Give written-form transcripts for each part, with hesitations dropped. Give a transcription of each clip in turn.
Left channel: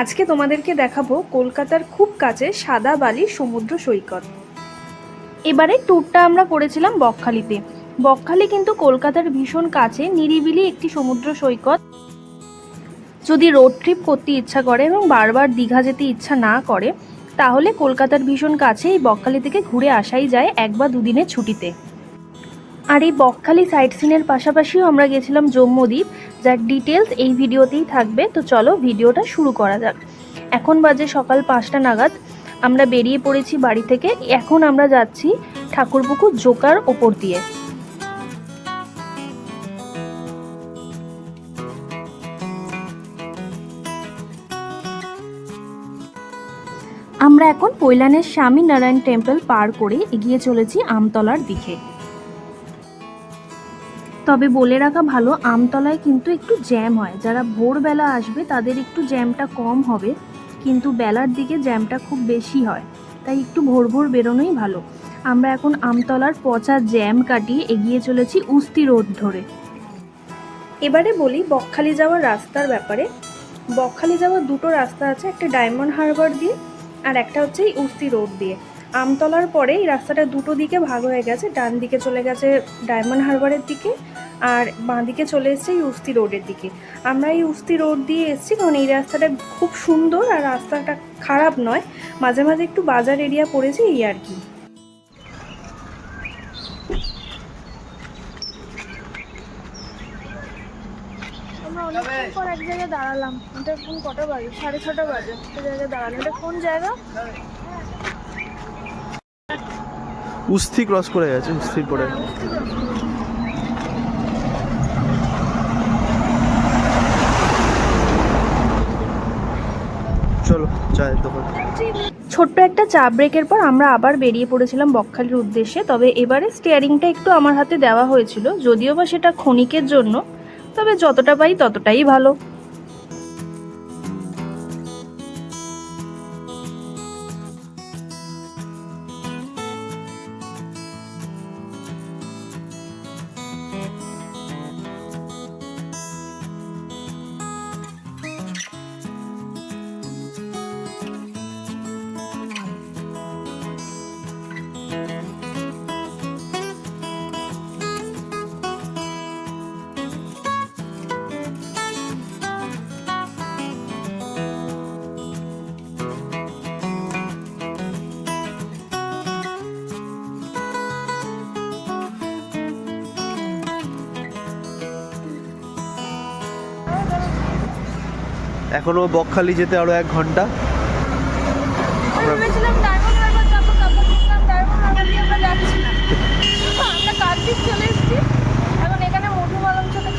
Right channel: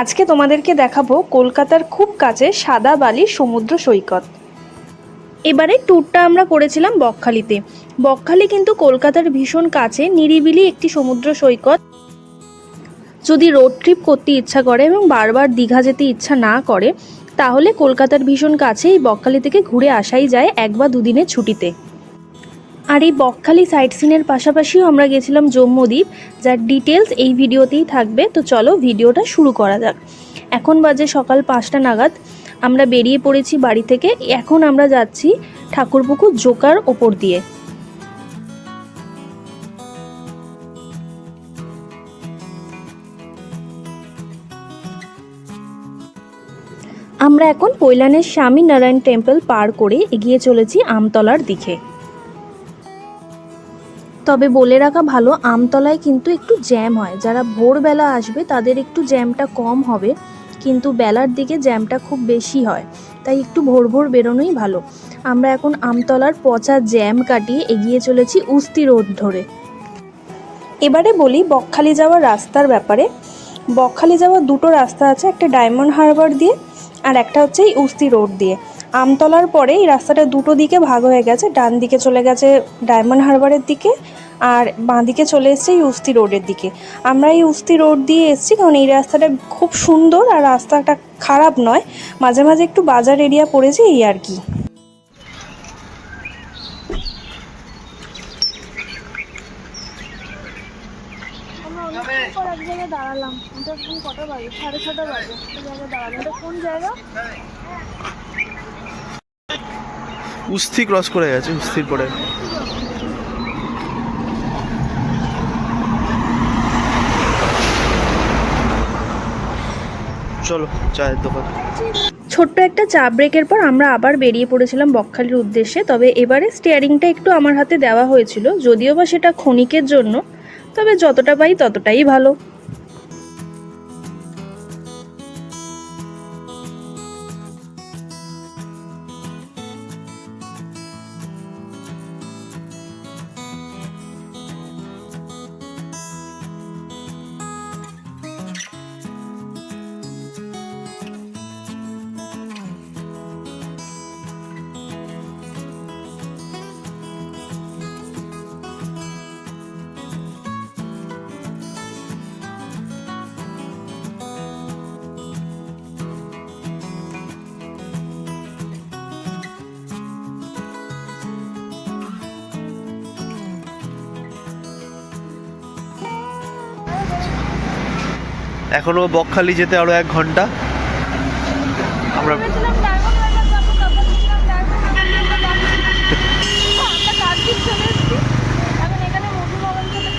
আজকে তোমাদেরকে দেখাবো কলকাতার খুব কাছে সাদা বালির সমুদ্র সৈকত। এবারে ট্যুরটা আমরা করেছিলাম বকখালিতে। বকখালি কিন্তু কলকাতার ভীষণ কাছে নিরিবিলি একটি সমুদ্র সৈকত। যদি রোড ট্রিপ করতে ইচ্ছা করে এবং বারবার দীঘা যেতে ইচ্ছা না করে, তাহলে কলকাতার ভীষণ কাছে এই বকখালি থেকে ঘুরে আসাই যায় 1 বা 2 দিনের ছুটিতে। আর এই বকখালি সাইট সিনের পাশাপাশিও আমরা গেছিলাম জম্মুদ্বীপ, যার ডিটেলস এই ভিডিওতেই থাকবে। তো চলো ভিডিওটা শুরু করা যাক। এখন বাজে সকাল 5টা নাগাদ। আমরা বেরিয়ে পড়েছি বাড়ি থেকে। এখন আমরা যাচ্ছি ঠাকুরপুকুর জোকার ওপর দিয়ে। আমরা এখন পৈলানের স্বামী নারায়ণ টেম্পল পার করে এগিয়ে চলেছি আমতলার দিকে। তবে বলে রাখা ভালো, আমতলায় কিন্তু একটু জ্যাম হয়। যারা ভোরবেলা আসবে তাদের একটু জ্যামটা কম হবে, কিন্তু বেলার দিকে জ্যামটা খুব বেশি হয়, তাই একটু ভোর ভোর বেরোনোই ভালো। আমরা এখন আমতলার পচা জ্যাম কাটিয়ে এগিয়ে চলেছি উস্তি রোড ধরে। এবারে বলি বকখালি যাওয়ার রাস্তার ব্যাপারে। বকখালি যাওয়ার দুটো রাস্তা আছে, একটা ডায়মন্ড হারবার দিয়ে আর একটা হচ্ছে এই উস্তি রোড দিয়ে। আমতলার পরে এই রাস্তাটা দুটো দিকে ভাগ হয়ে গেছে, ডান দিকে চলে গেছে ডায়মন্ড হারবারের দিকে আর বাঁ দিকে চলে এসছে এই উস্তি রোডের দিকে। আমরা এই উস্তি রোড দিয়ে এসেছি কারণ এই রাস্তাটা খুব সুন্দর আর রাস্তাটা খারাপ নয়, মাঝে মাঝে একটু বাজার এরিয়া পড়েছে এই আর কি। আমরা অনেকক্ষণ পর এক জায়গায় দাঁড়ালাম। এটা এখন কটা বাজে? 6:30 বাজে। একটা জায়গায় দাঁড়ালাম। এটা কোন জায়গা? উস্তি ক্রস করে গেছে, উস্তির পরে। চলো চায়ের দোকান। ছোট্ট একটা চা ব্রেকের পর আমরা আবার বেরিয়ে পড়েছিলাম বকখালির উদ্দেশ্যে। তবে এবারে স্টিয়ারিংটা একটু আমার হাতে দেওয়া হয়েছিল, যদিও বা সেটা ক্ষণিকের জন্য, তবে যতটা পাই ততটাই ভালো। এখনো বকখালি যেতে আরো 1 ঘন্টা। আমরা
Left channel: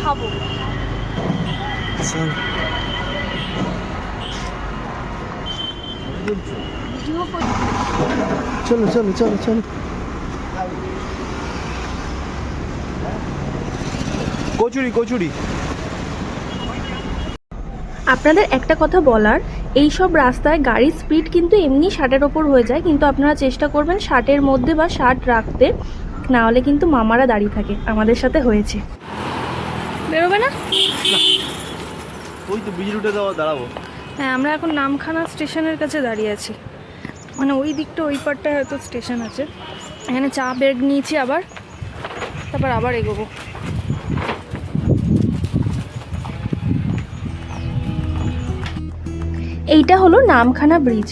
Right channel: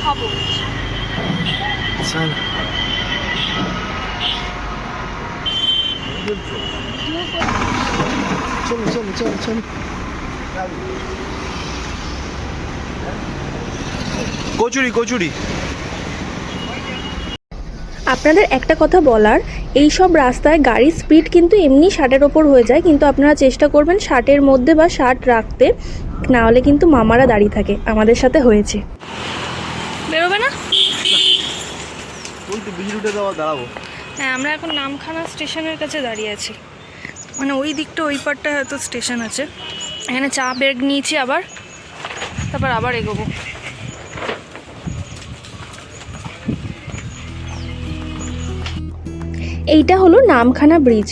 খাবো। চলো চলো চলো চলো। কচুরি কচুরি। আপনাদের একটা কথা বলার, এই সব রাস্তায় গাড়ির স্পিড কিন্তু এমনি 60-এর ওপর হয়ে যায়, কিন্তু আপনারা চেষ্টা করবেন 60-এর মধ্যে বা 60 রাখতে, না হলে কিন্তু মামারা দাঁড়িয়ে থাকে। আমাদের সাথে হয়েছে। বেরোবে না? ওই তো বিজি রুটে দাঁড়াবো। হ্যাঁ, আমরা এখন নামখানা স্টেশনের কাছে দাঁড়িয়ে আছি। মানে ওই দিকটা, ওই পারটায় হয়তো স্টেশন আছে। এখানে চা ব্রেক নিয়েছি আবার, তারপর আবার এগোবো। এইটা হলো নামখানা ব্রিজ।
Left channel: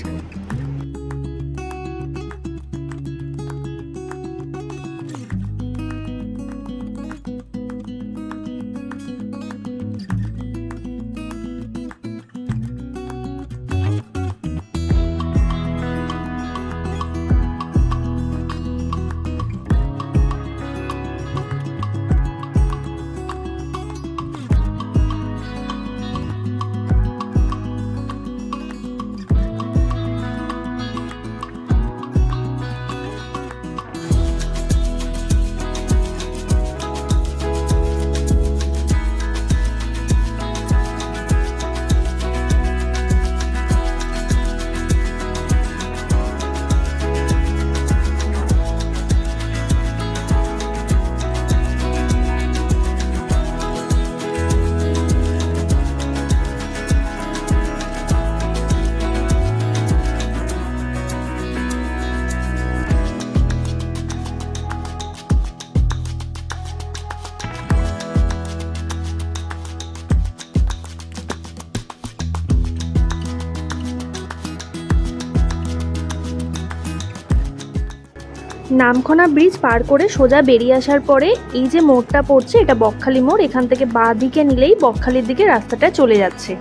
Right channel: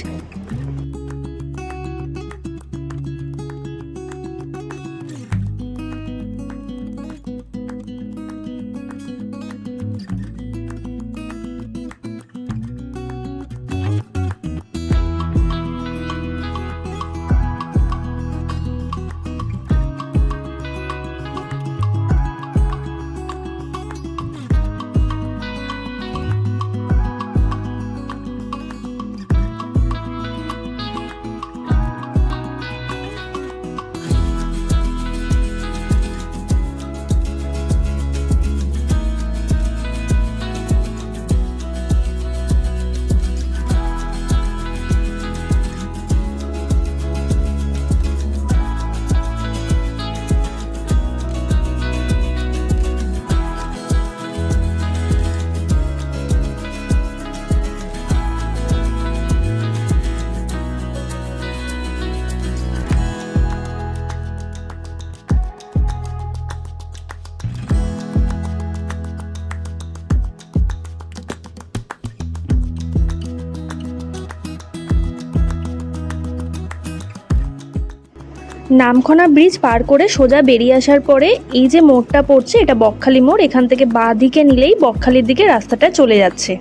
নামখানা ব্রিজ পার করে সোজা বেরিয়ে আসার পরে এই যে মোড়টা পড়ছে এটা বকখালি মোড়, এখান থেকে বাঁ দিকে নিলেই বকখালির দিকে রাস্তাটা চলে যাচ্ছে।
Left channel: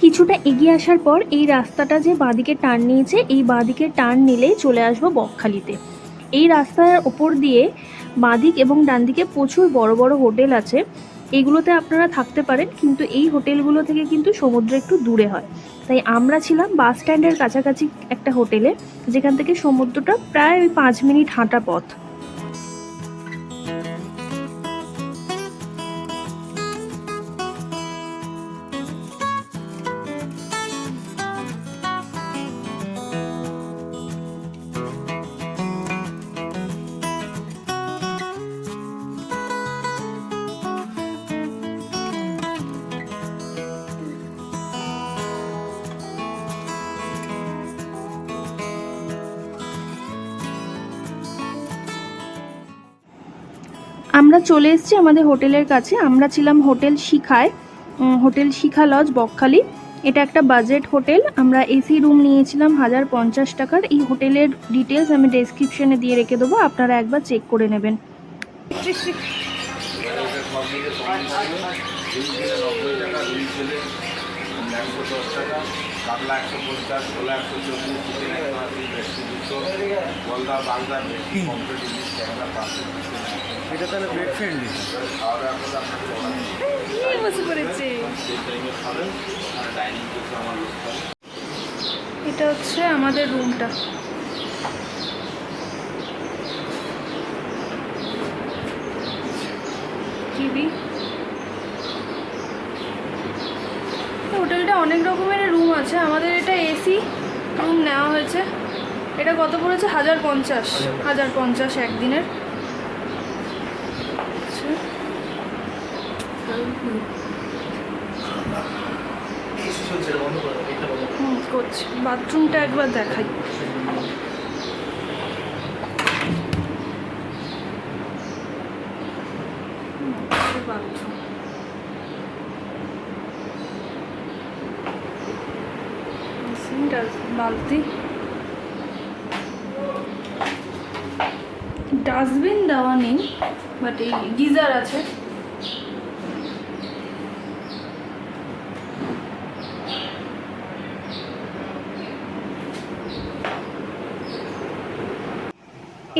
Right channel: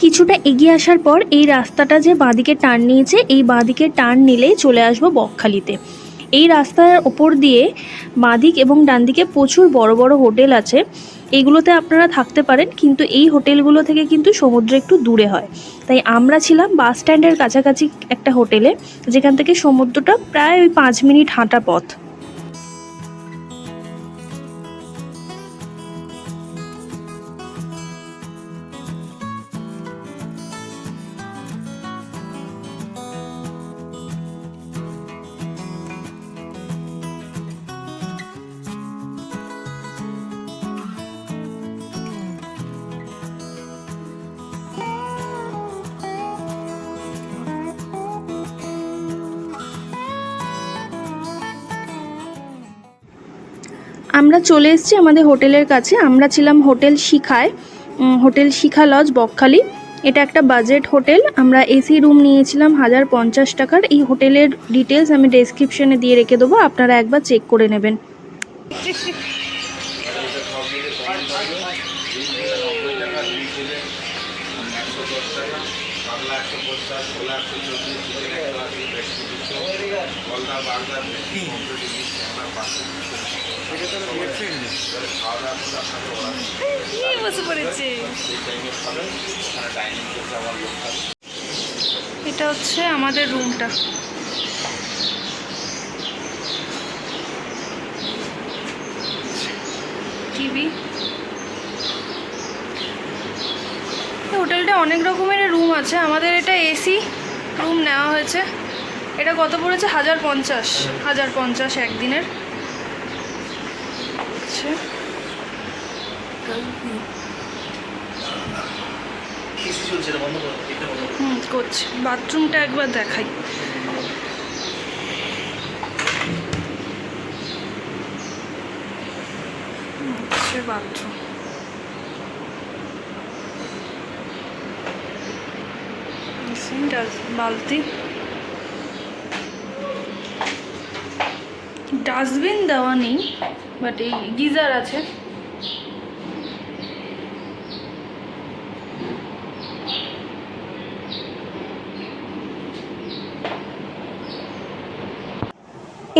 কিছুটা এগিয়ে আসার পর এই রাস্তাটা যে বাঁদিকে টার্ন নিয়েছে, এই বাঁদিকে টার্ন নিলেই চলে আসবো বকখালিতে। এই রাস্তার ওপর দিয়ে বাঁদিক এবং ডান দিকে প্রচুর বড় বড় হোটেল আছে, এইগুলোতে আপনারা থাকতে পারেন, কিন্তু এই হোটেলগুলো থেকে কিন্তু সমুদ্র একটু দূরে হয়। তাই আমরা ছিলাম বাস স্ট্যান্ডের কাছাকাছি একটা হোটেলে, যেখান থেকে সমুদ্রটা প্রায় ওই 5 মিনিট হাঁটা পথ। আমরা চলে এসেছি আমাদের হোটেলের কাছে। আমরা ছিলাম হোটেল শিখায়, হোটেল শিখা লজ বকখালি। এটা একটা বাজেট হোটেল। আমরা এসি রুম নিয়েছিলাম 1050 টাকার। এই হোটেলের ডিটেলস আমি ডেসক্রিপশনে দিয়ে রেখে দেবো, আপনারা একবার চেক করে নেবেন। এটা হচ্ছে আমাদের রুমটা। টিভি, হোটেলটা অনেক রকমের রুম আছে। আমাদের এটা এসি রুম নেওয়া হয়েছে। এটা কত পড়েছে? 1050 একদিনের। করছি। বাথরুমটা একবার দেখাই। বাথরুম বালতি, ডাস্টবিন দেওয়া নেই, বাট এই গিজার আছে।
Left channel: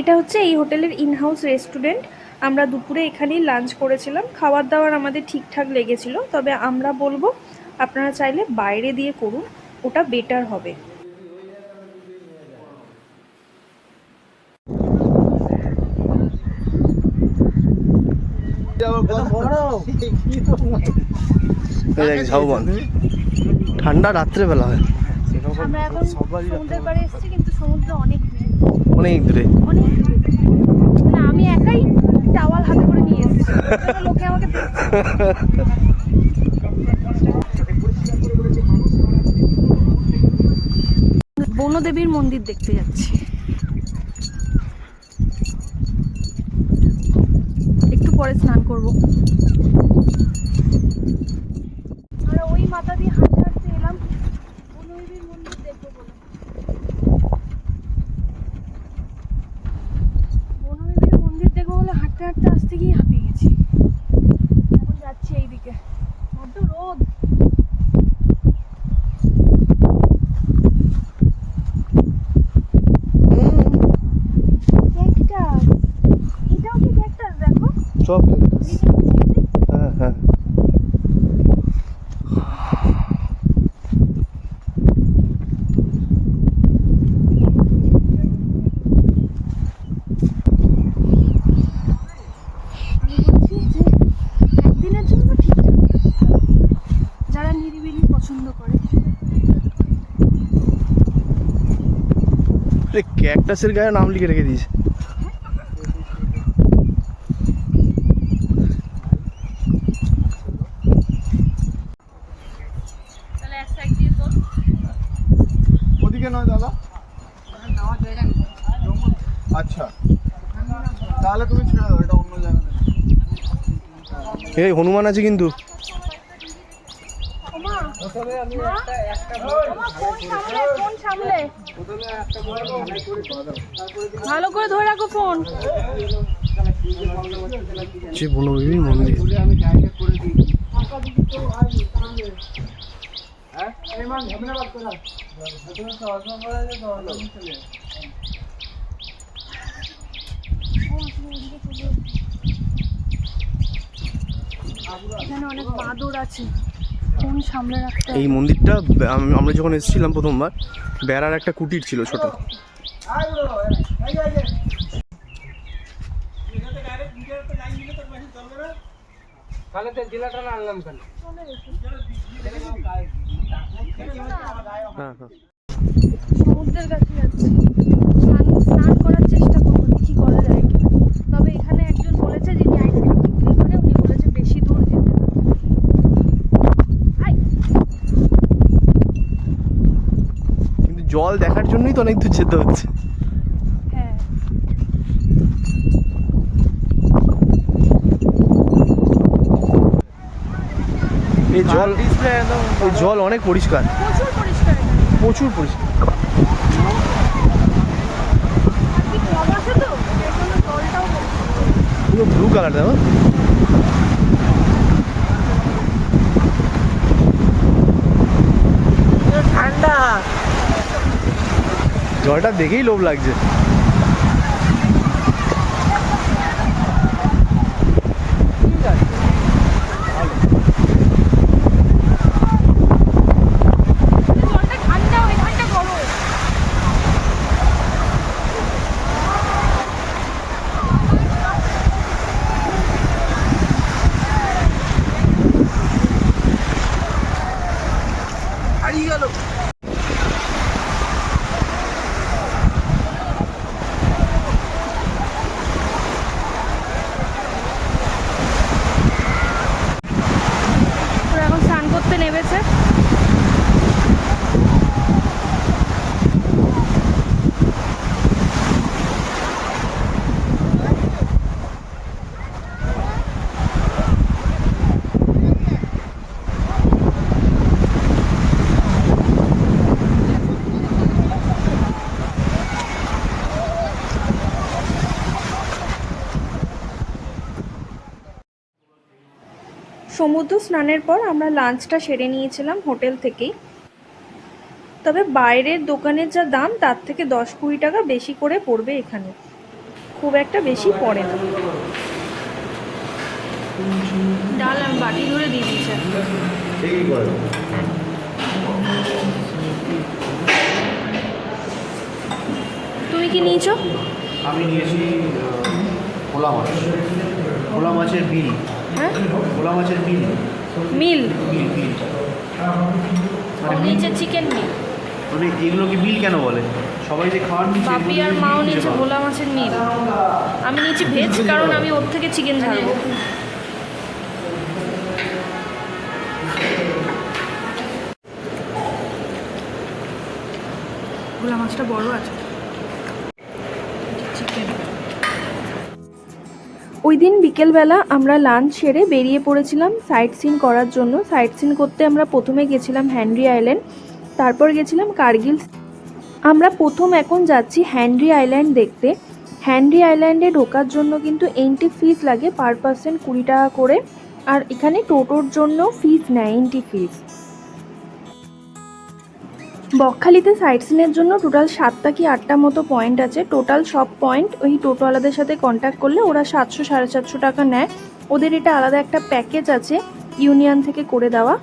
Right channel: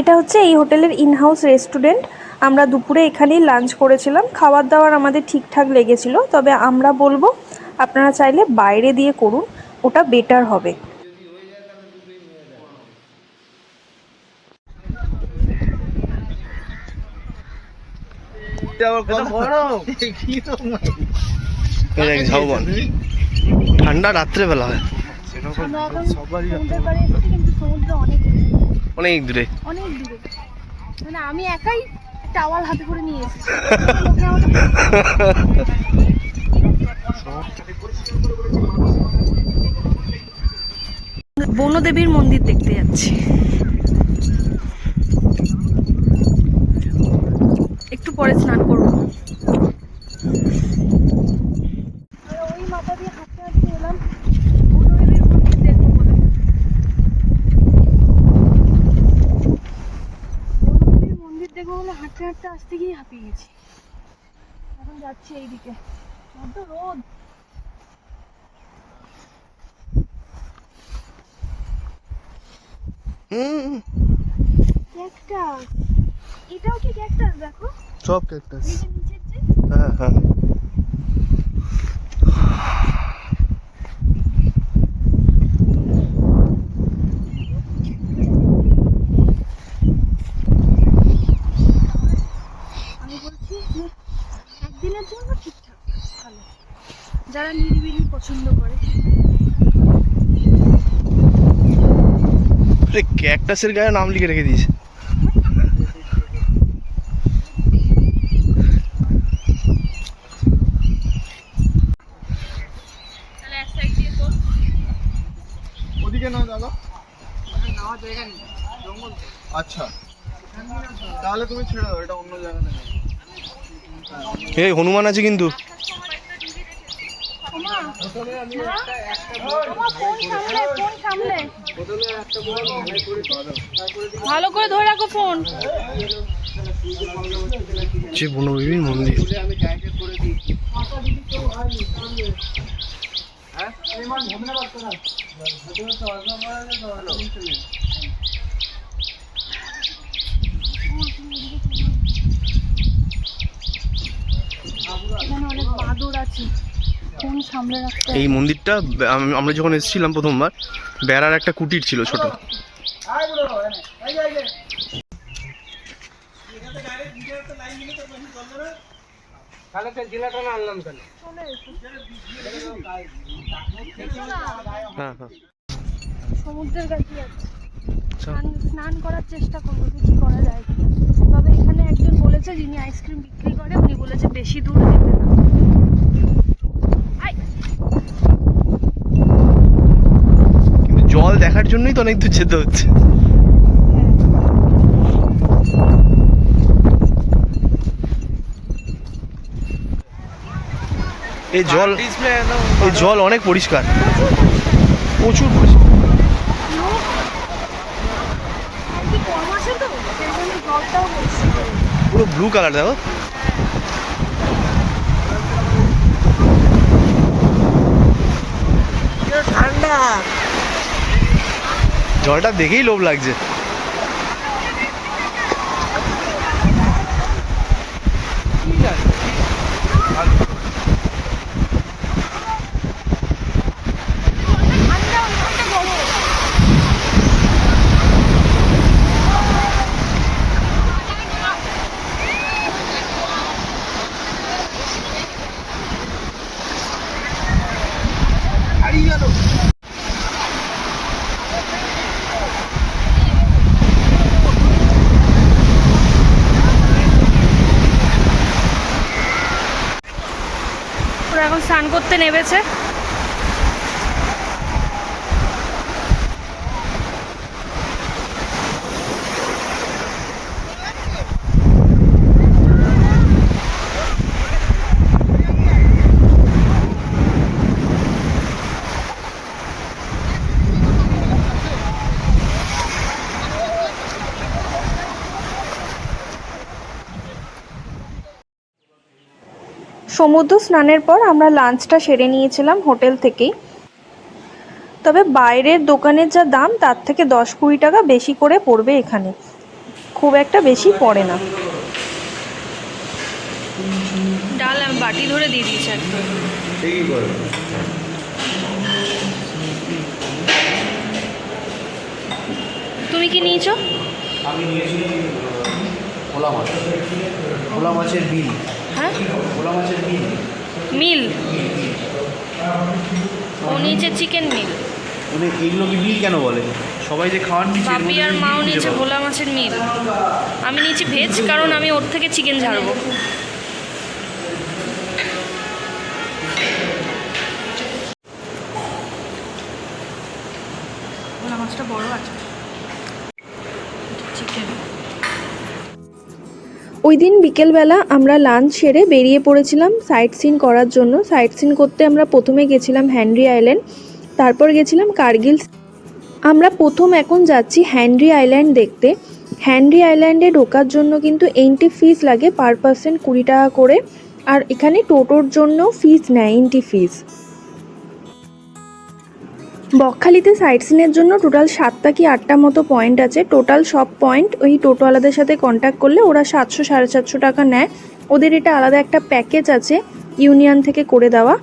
এটা হচ্ছে এই হোটেলের ইনহাউস রেস্টুরেন্ট। আমরা দুপুরে এখানেই লাঞ্চ করেছিলাম। খাবার দাবার আমাদের ঠিকঠাক লেগেছিল, তবে আমরা বলবো আপনারা চাইলে বাইরে দিয়ে করুন, ওটা বেটার হবে। ঠান্ডা রাত্রে বেলা হয়, অনেক দূরে। আমি একাই টাওয়াল হাতে করে নিয়ে এসেছি, লোকে আমাকে বনদেবীর মন্দির দেখতে যাচ্ছি। একটু পরে স্নান করব। আমরা ওই মাথা দিয়ে হাঁটতে হাঁটতে এলাম বনদেবীর মন্দির দেখবো বলে। বনদেবীর মন্দির দেখবো বলে হাঁটতে হাঁটতে আসতে গিয়ে হাঁপিয়ে গেছি। এখন যাচ্ছি এইদিকে, বড্ড রোদ। ক্যাকটাস, এটাও কি ক্যাকটাস? দেখো সব ক্যাকটাস। হ্যাঁ হ্যাঁ, একদিনের জন্য ঠিক, যারা নিরিবিলি পছন্দ করে। ক্যাকটাসের গায়ে নাম লিখে রেখে দিয়েছে। ওদিকে নয় দাদা, আচ্ছা তাহলে তুমি ছেড়ে দাও, এটা অন্য জায়গা নেই। এই হনুমান আছে কিন্তু। ভালো করে ধরে রাখো ফোন। যে বনবিবির মন্দির। এখানে অনেক বাঁদর আছে, ফোন সামলে রাখতে এই মন্দিরটা আমরা যখন এসেছিলাম প্রথমবার, বেড়ার একটা কুটির ছিল ছোট। হ্যাঁ হ্যাঁ, সমুদ্রের কাছে যাচ্ছি, স্নান করার চেষ্টা করবো, দেখি করা যায়। তবে এখানে একজন বলেছে যিনি আইসক্রিম বিক্রি করে, উনি বলেছে বেশি দূর যেতে না। কিন্তু জল দেখার জন্যই তো অনেক দূর যেতে হচ্ছে। হ্যাঁ, এই জল অনেক পরিষ্কার, প্রচুর পরিষ্কার। প্রচুর পরিষ্কার। আর কি কম আছে তো, সেই জন্য জলটাও পরিষ্কার। পুরো ব্লু কালার দেখো। ঠান্ডা। জলটা দেখেই লোভ লাগছে। হারিয়ে গেল। ওরা এখন স্নান করতে নেমেছে। সমুদ্র স্নানের পর আমরা লাঞ্চটা সেরে নিয়েছিলাম হোটেল থেকেই। তবে বাইরের দোকানের যা দাম তার থেকে 10-20 টাকা বেশি করে পড়বে এখানে, খুব একটা বেশি পড়ে না। ডাল আমি বাটি ধরে দিয়ে দিয়েছি। তুমি কি নিয়েছো? আমি নিয়েছি ভোলা মাছ, ভোলা মাছের বিল। হ্যাঁ, ভোলা মাছের বিল, মিল। ও নিয়েছে চিকেন মিল। মানে এগুলো কি বিল কেন বলে? সবাই যে খাওয়ার বাপি আর মাও নিয়েছে ভোলা মাছের মিল। আমি নিয়েছি ভেজ, কারণ আমি ওর থেকে চিকেন ঝাড়বো। ভোলা মাছটা বড় আছে। চিকেন। ওই দিন বিকেলবেলা আমরা লাঞ্চ সেরে বেরিয়ে পড়েছিলাম সাইট সিন করার জন্য। সাইট সিন করতে আমরা প্রথমে গেছিলাম হেনরি আইল্যান্ড, তারপর গেছিলাম কার্গিল। আমরা প্রথম এখন যাচ্ছি হেনরি আইল্যান্ড দেখতে। হেনরি আইল্যান্ডে ঢোকার জন্য কিন্তু এন্ট্রি ফিস লাগে পার পার্সন 20 টাকা করে, আর এখানে টোটোর জন্য ফিস নেয়, এন্ট্রি ফিস। বকখালিতে সাইট সিনের জন্য টোটাল 7টা কি 8টা মতো পয়েন্ট আছে। টোটাল সব পয়েন্ট ওই টোটোওয়ালাদের সাথে কন্ট্যাক্ট করলে ওরা 700-750 টাকা নেয়। ওদের এটা আলাদা একটা প্যাকেজ আছে ইউনিয়ন থেকে করে দেওয়া,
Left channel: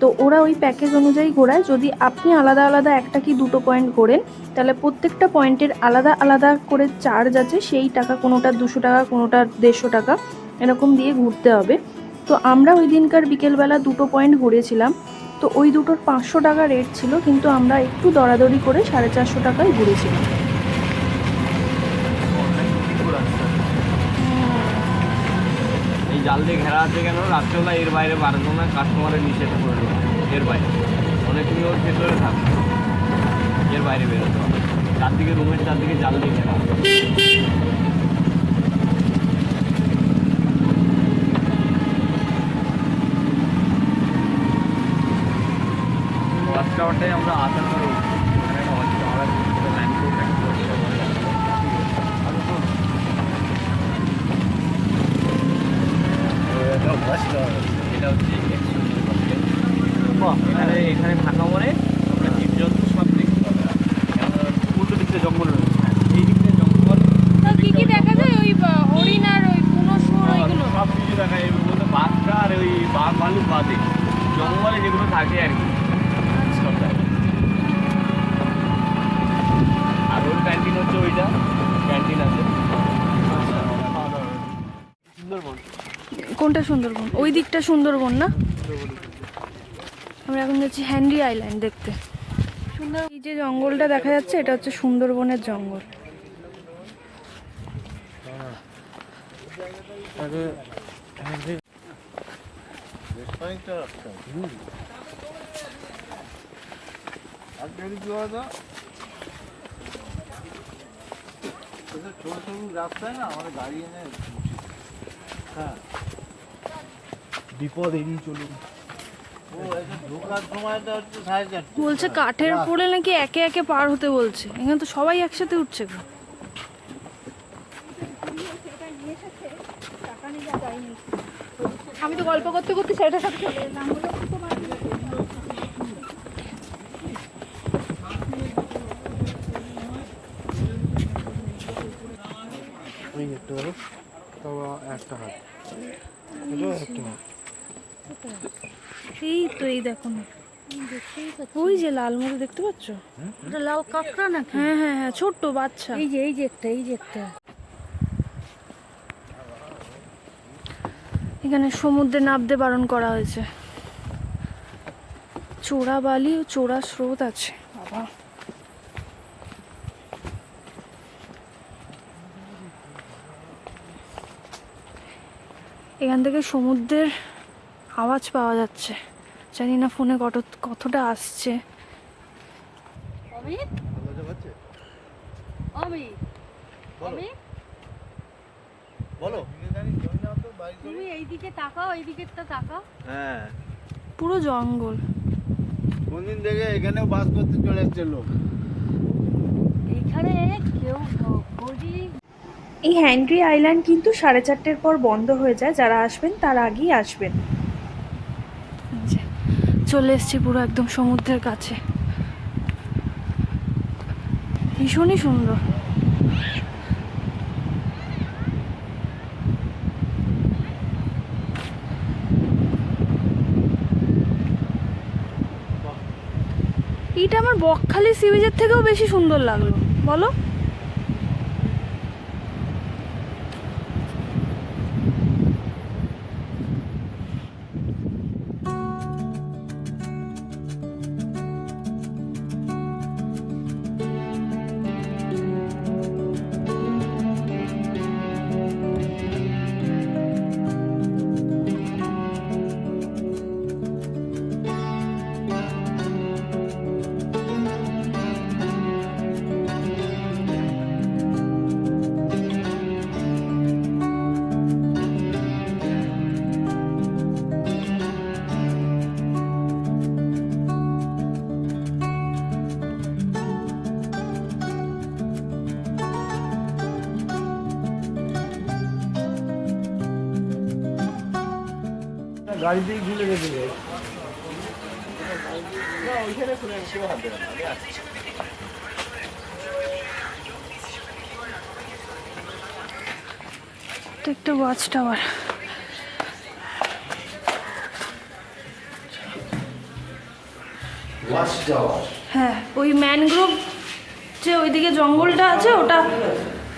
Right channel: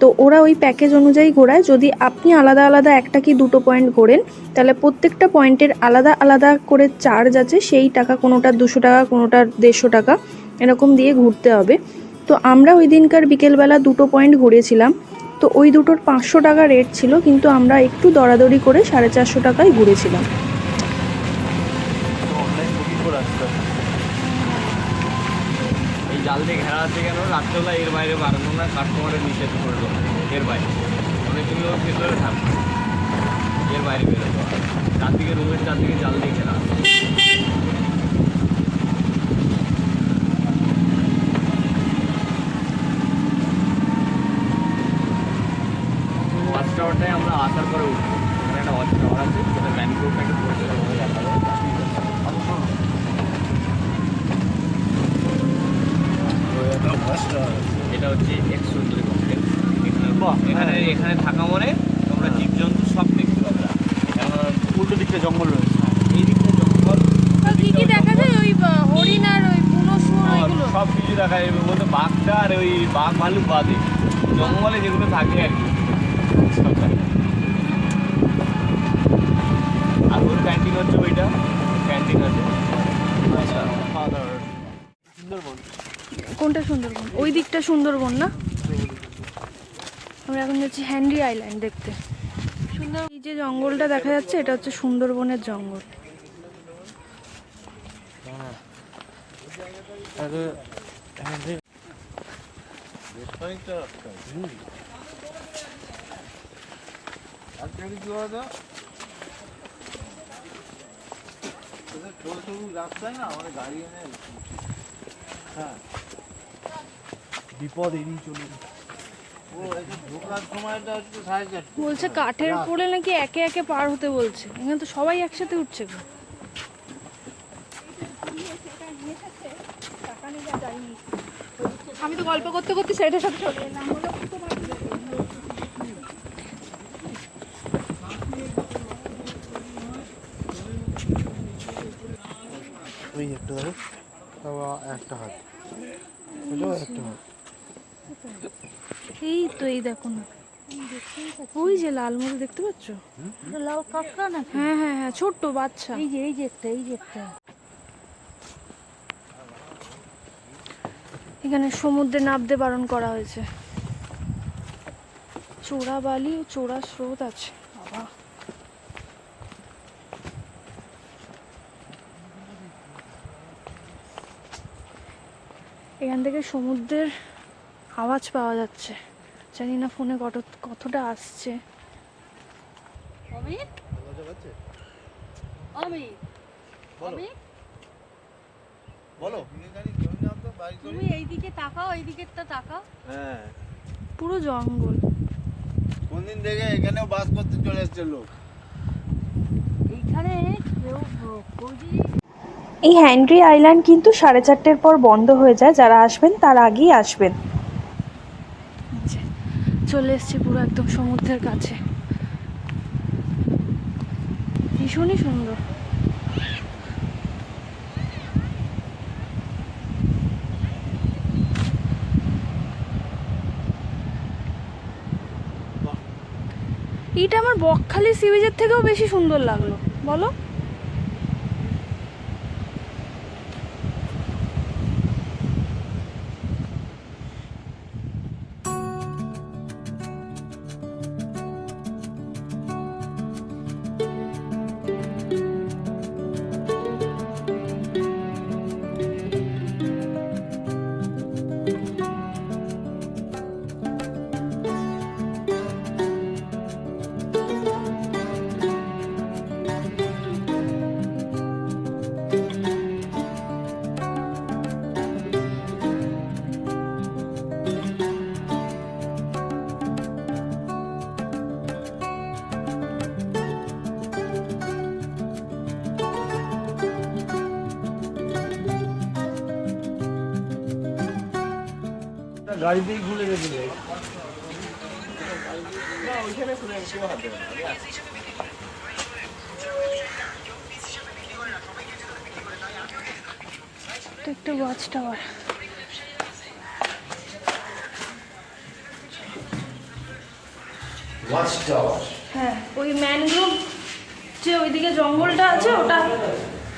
তো ওরা ওই প্যাকেজ অনুযায়ী ঘোরায়। যদি আপনি আলাদা আলাদা একটা কি দুটো পয়েন্ট ঘোরেন, তাহলে প্রত্যেকটা পয়েন্টের আলাদা আলাদা করে চার্জ আছে। সেই টাকা কোনোটার 200 টাকা, কোনোটার 150 টাকা, এরকম দিয়ে ঘুরতে হবে। তো আমরা ওই দিনকার বিকেলবেলা দুটো পয়েন্ট ঘুরেছিলাম। তো ওই দুটোর 500 টাকা রেট ছিল, কিন্তু আমরা একটু দরাদরি করে 450 টাকায় ঘুরেছিলাম। এই জাল দিয়ে ঘেরা আছে কেন? রাত্রেবেলা এর বাইরে বাড়ানো না, কাস্টমারের নিষেধ করলো এর বাইরে। মানে তুমি ওর ভেতরে থাক, এর বাইরে বেরোতে হবে। চারদিকে রুমের চারদিকে জাল দিয়ে ঘেরা। থাকবে আর কি। সবটা। আর ওর ক্যান্টিন হচ্ছে ওইটা, ক্যান্টিন আছে। সুন্দরবন। কোনটা সুন্দরবন? ওই দিকটা সুন্দরবন না? আমরা এখন যাচ্ছি হ্যানরি আইল্যান্ড দেখতে। সুন্দর, এই যে জঙ্গলটা দেখা যাচ্ছে এটা হচ্ছে সুন্দরবনের জঙ্গল। রাস্তায় না আমাদের গাড়ি এনে হ্যাঁ বিপদ এড়িয়ে চলুন। ও এটা ঢোকার সময়টা হচ্ছে 4:30। বলছে কাঠের পরে নাকি একে একে পার হতে বলছে। এখানে তো সবাই একসাথে উঠছে গো। আমি তো গল্প করতে করতে সেটার সাথে ওই একটা ধরো বাবা, একটা হাত এটাও একটা হাত। এই তো, এই দেখো না, ওই যে লাল মতো দেখতে পাচ্ছ? লাল কাঁকড়া না? হ্যাঁ হ্যাঁ হ্যাঁ, ছোট্ট বাচ্চা। এই যে একটা, এই যে একটা। এখানে সমুদ্রে নামতে বারণ করা হয়েছে। চোরা বালি ও চোরা স্রোত আছে বাবা। এখান থেকে সমুদ্রের আওয়াজ পাওয়া যাচ্ছে, জানি না ফোনে কতটা আসছে। বলো। তুমি এইদিকে তাকাও, এইদিকেরটা তাকাও। হ্যাঁ, পুরো জঙ্গল। কোনদিন দেখে এখানেও বাস করতে চলে আসছে লোক। এইখানে কেউ খোঁজি। এই হ্যানরি আইল্যান্ড কিন্তু 4:30 পর বন্ধ হয়ে যায়, যারা আসবেন তার আগেই আসবেন। চলে এসেছি পুরো একদম সমুদ্রের কাছে, ভীষণই সুন্দর। এটা আমার বকখালি সি বিচের থেকেও বেশি সুন্দর লাগলো, বলো? গাড়িতেই ঘুরে গেছিল। তো একটা ওয়াচ টাওয়ার। হ্যাঁ, ওই ম্যানগ্রোভ যে ওইদিকে জঙ্গলটা আছে ওটা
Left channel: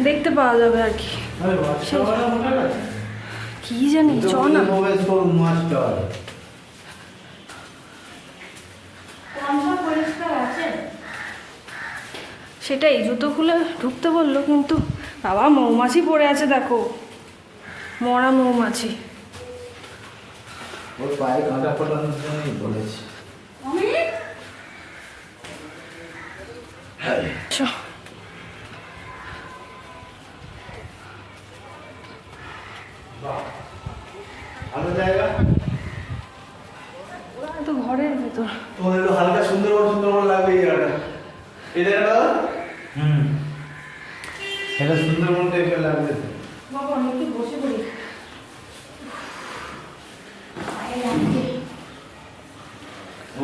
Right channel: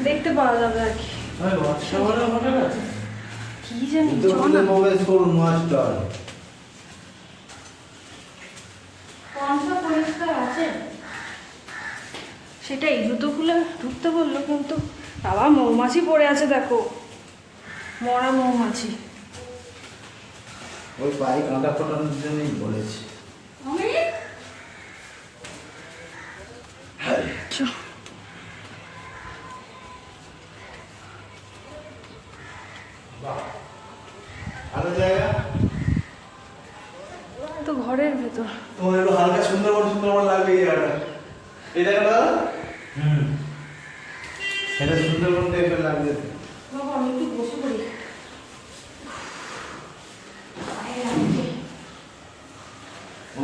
দেখতে পাওয়া যাবে আর কি। কি জানি, চল না। সেটাই, জুতো খুলে ঢুকতে বললো, কিন্তু বাবা মৌমাছি পড়ে আছে, দেখো মরা মৌমাছি। ওর পায়ে কাঁটা ফোটানোর জন্যই বলেছি। ভালো জায়গা তো ঘরের ভেতর। তোমার একটু হালকা সুন্দরবন লাগবে এই জায়গাটা। এই জায়গাটা এটা সুন্দরবন টাইপের লাগবে। বাবা আমি একটু বসে পড়ি।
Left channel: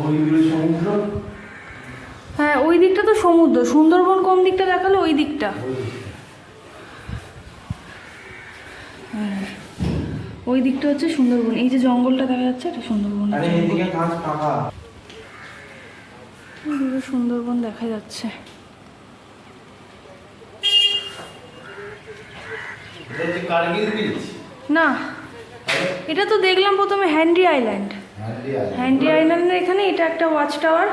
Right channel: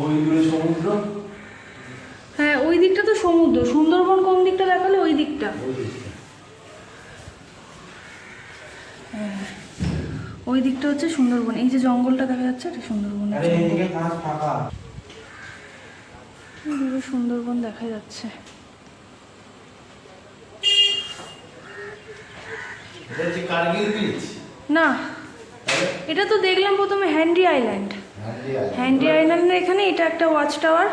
ওই দূরে সমুদ্র। হ্যাঁ, ওই দিকটা তো সমুদ্র। সুন্দরবন কোন দিকটা দেখালো? ওই দিকটা। হ্যাঁ, ওই দিকটা হচ্ছে সুন্দরবন। এই যে জঙ্গলটা দেখা যাচ্ছে এটা সুন্দরবন। আরে এইদিকে কাঁচ পাকা। পুরো সুন্দরবন দেখা যাচ্ছে। না, এটা তো দেখলাম প্রথমে হ্যান্ডি আইল্যান্ড। হ্যান্ডি আইল্যান্ডের এখানে এটা একটা ওয়াচ টাওয়ার।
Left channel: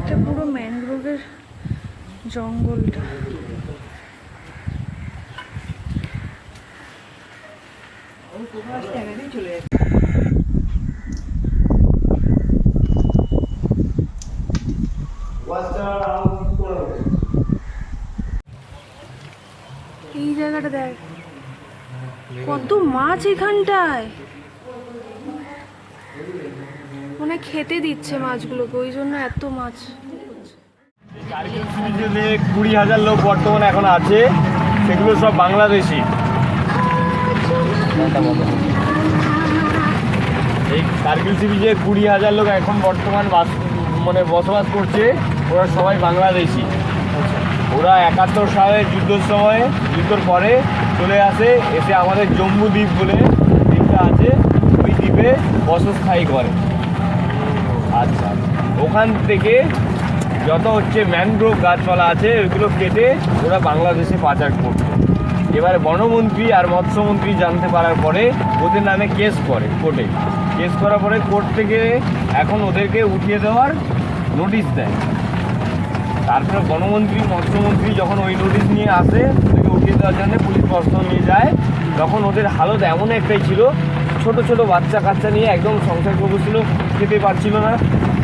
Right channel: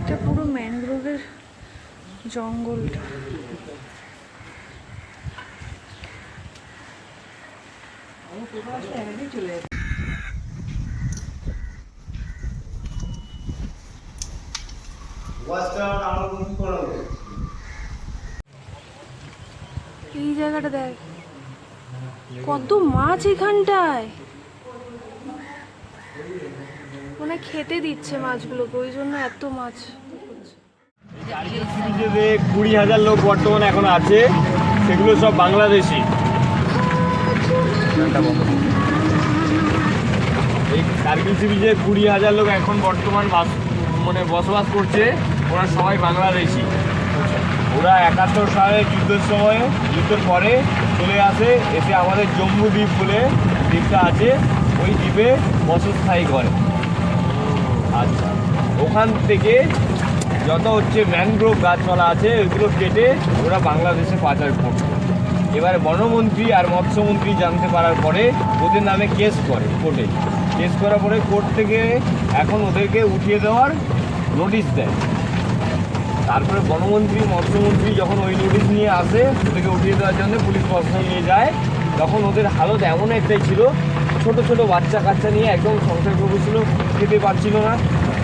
এটা পুরো ম্যানগ্রোভের জঙ্গলটা। এই জায়গাটা দেখ, কত মাছ এখানটায়। মানে খেতে দিচ্ছে মাছগুলোকে, ওই জন্য এত মাছ। কার্গিল সি বিচে যে 20,000 লোক বর্তমানে এখন আছে, সেগুলো সব বাংলাদেশি। এই কার্গিল সি বিচে 20,000 লোক এখন বর্তমান বসবাস করছে, ওরা সবাই বাংলাদেশি। ওরা 71 সালে যুদ্ধের সময়, যুদ্ধের পরে চলে আসে, এসে আমাদের জম্মু দ্বীপ বলে দ্বীপটা আছে, ওই দ্বীপে বসস্থায়ী করে। আচ্ছা, ওখান থেকে যত ম্যানগ্রোভ গাছপালা আছে ওইগুলো কেটে ওরা বাংলাদেশে পাচার করছে। এবারে বনমন্ত্রী আর মৎস্যমন্ত্রী জানতে পারার পরে ওদের নামে কেস করে কোর্টে। কেস করার পরে কোর্ট থেকে এখন ওদেরকে উঠিয়ে দেওয়ার নোটিশ দেয়। তারপরে বনমন্ত্রী মৎস্যমন্ত্রী যখন ওই নোটিশ নিয়ে আসে, ওদেরকে উঠিয়ে দেওয়ার জন্য পুলিশ প্রশাসন নিয়ে যায়, তখন ওদের হালত এমন একটাই ছিল, ছোট ছোট বাচ্চা কাচ্চা নিয়ে একদম সংসার করছিল, খেতে পারছিল না।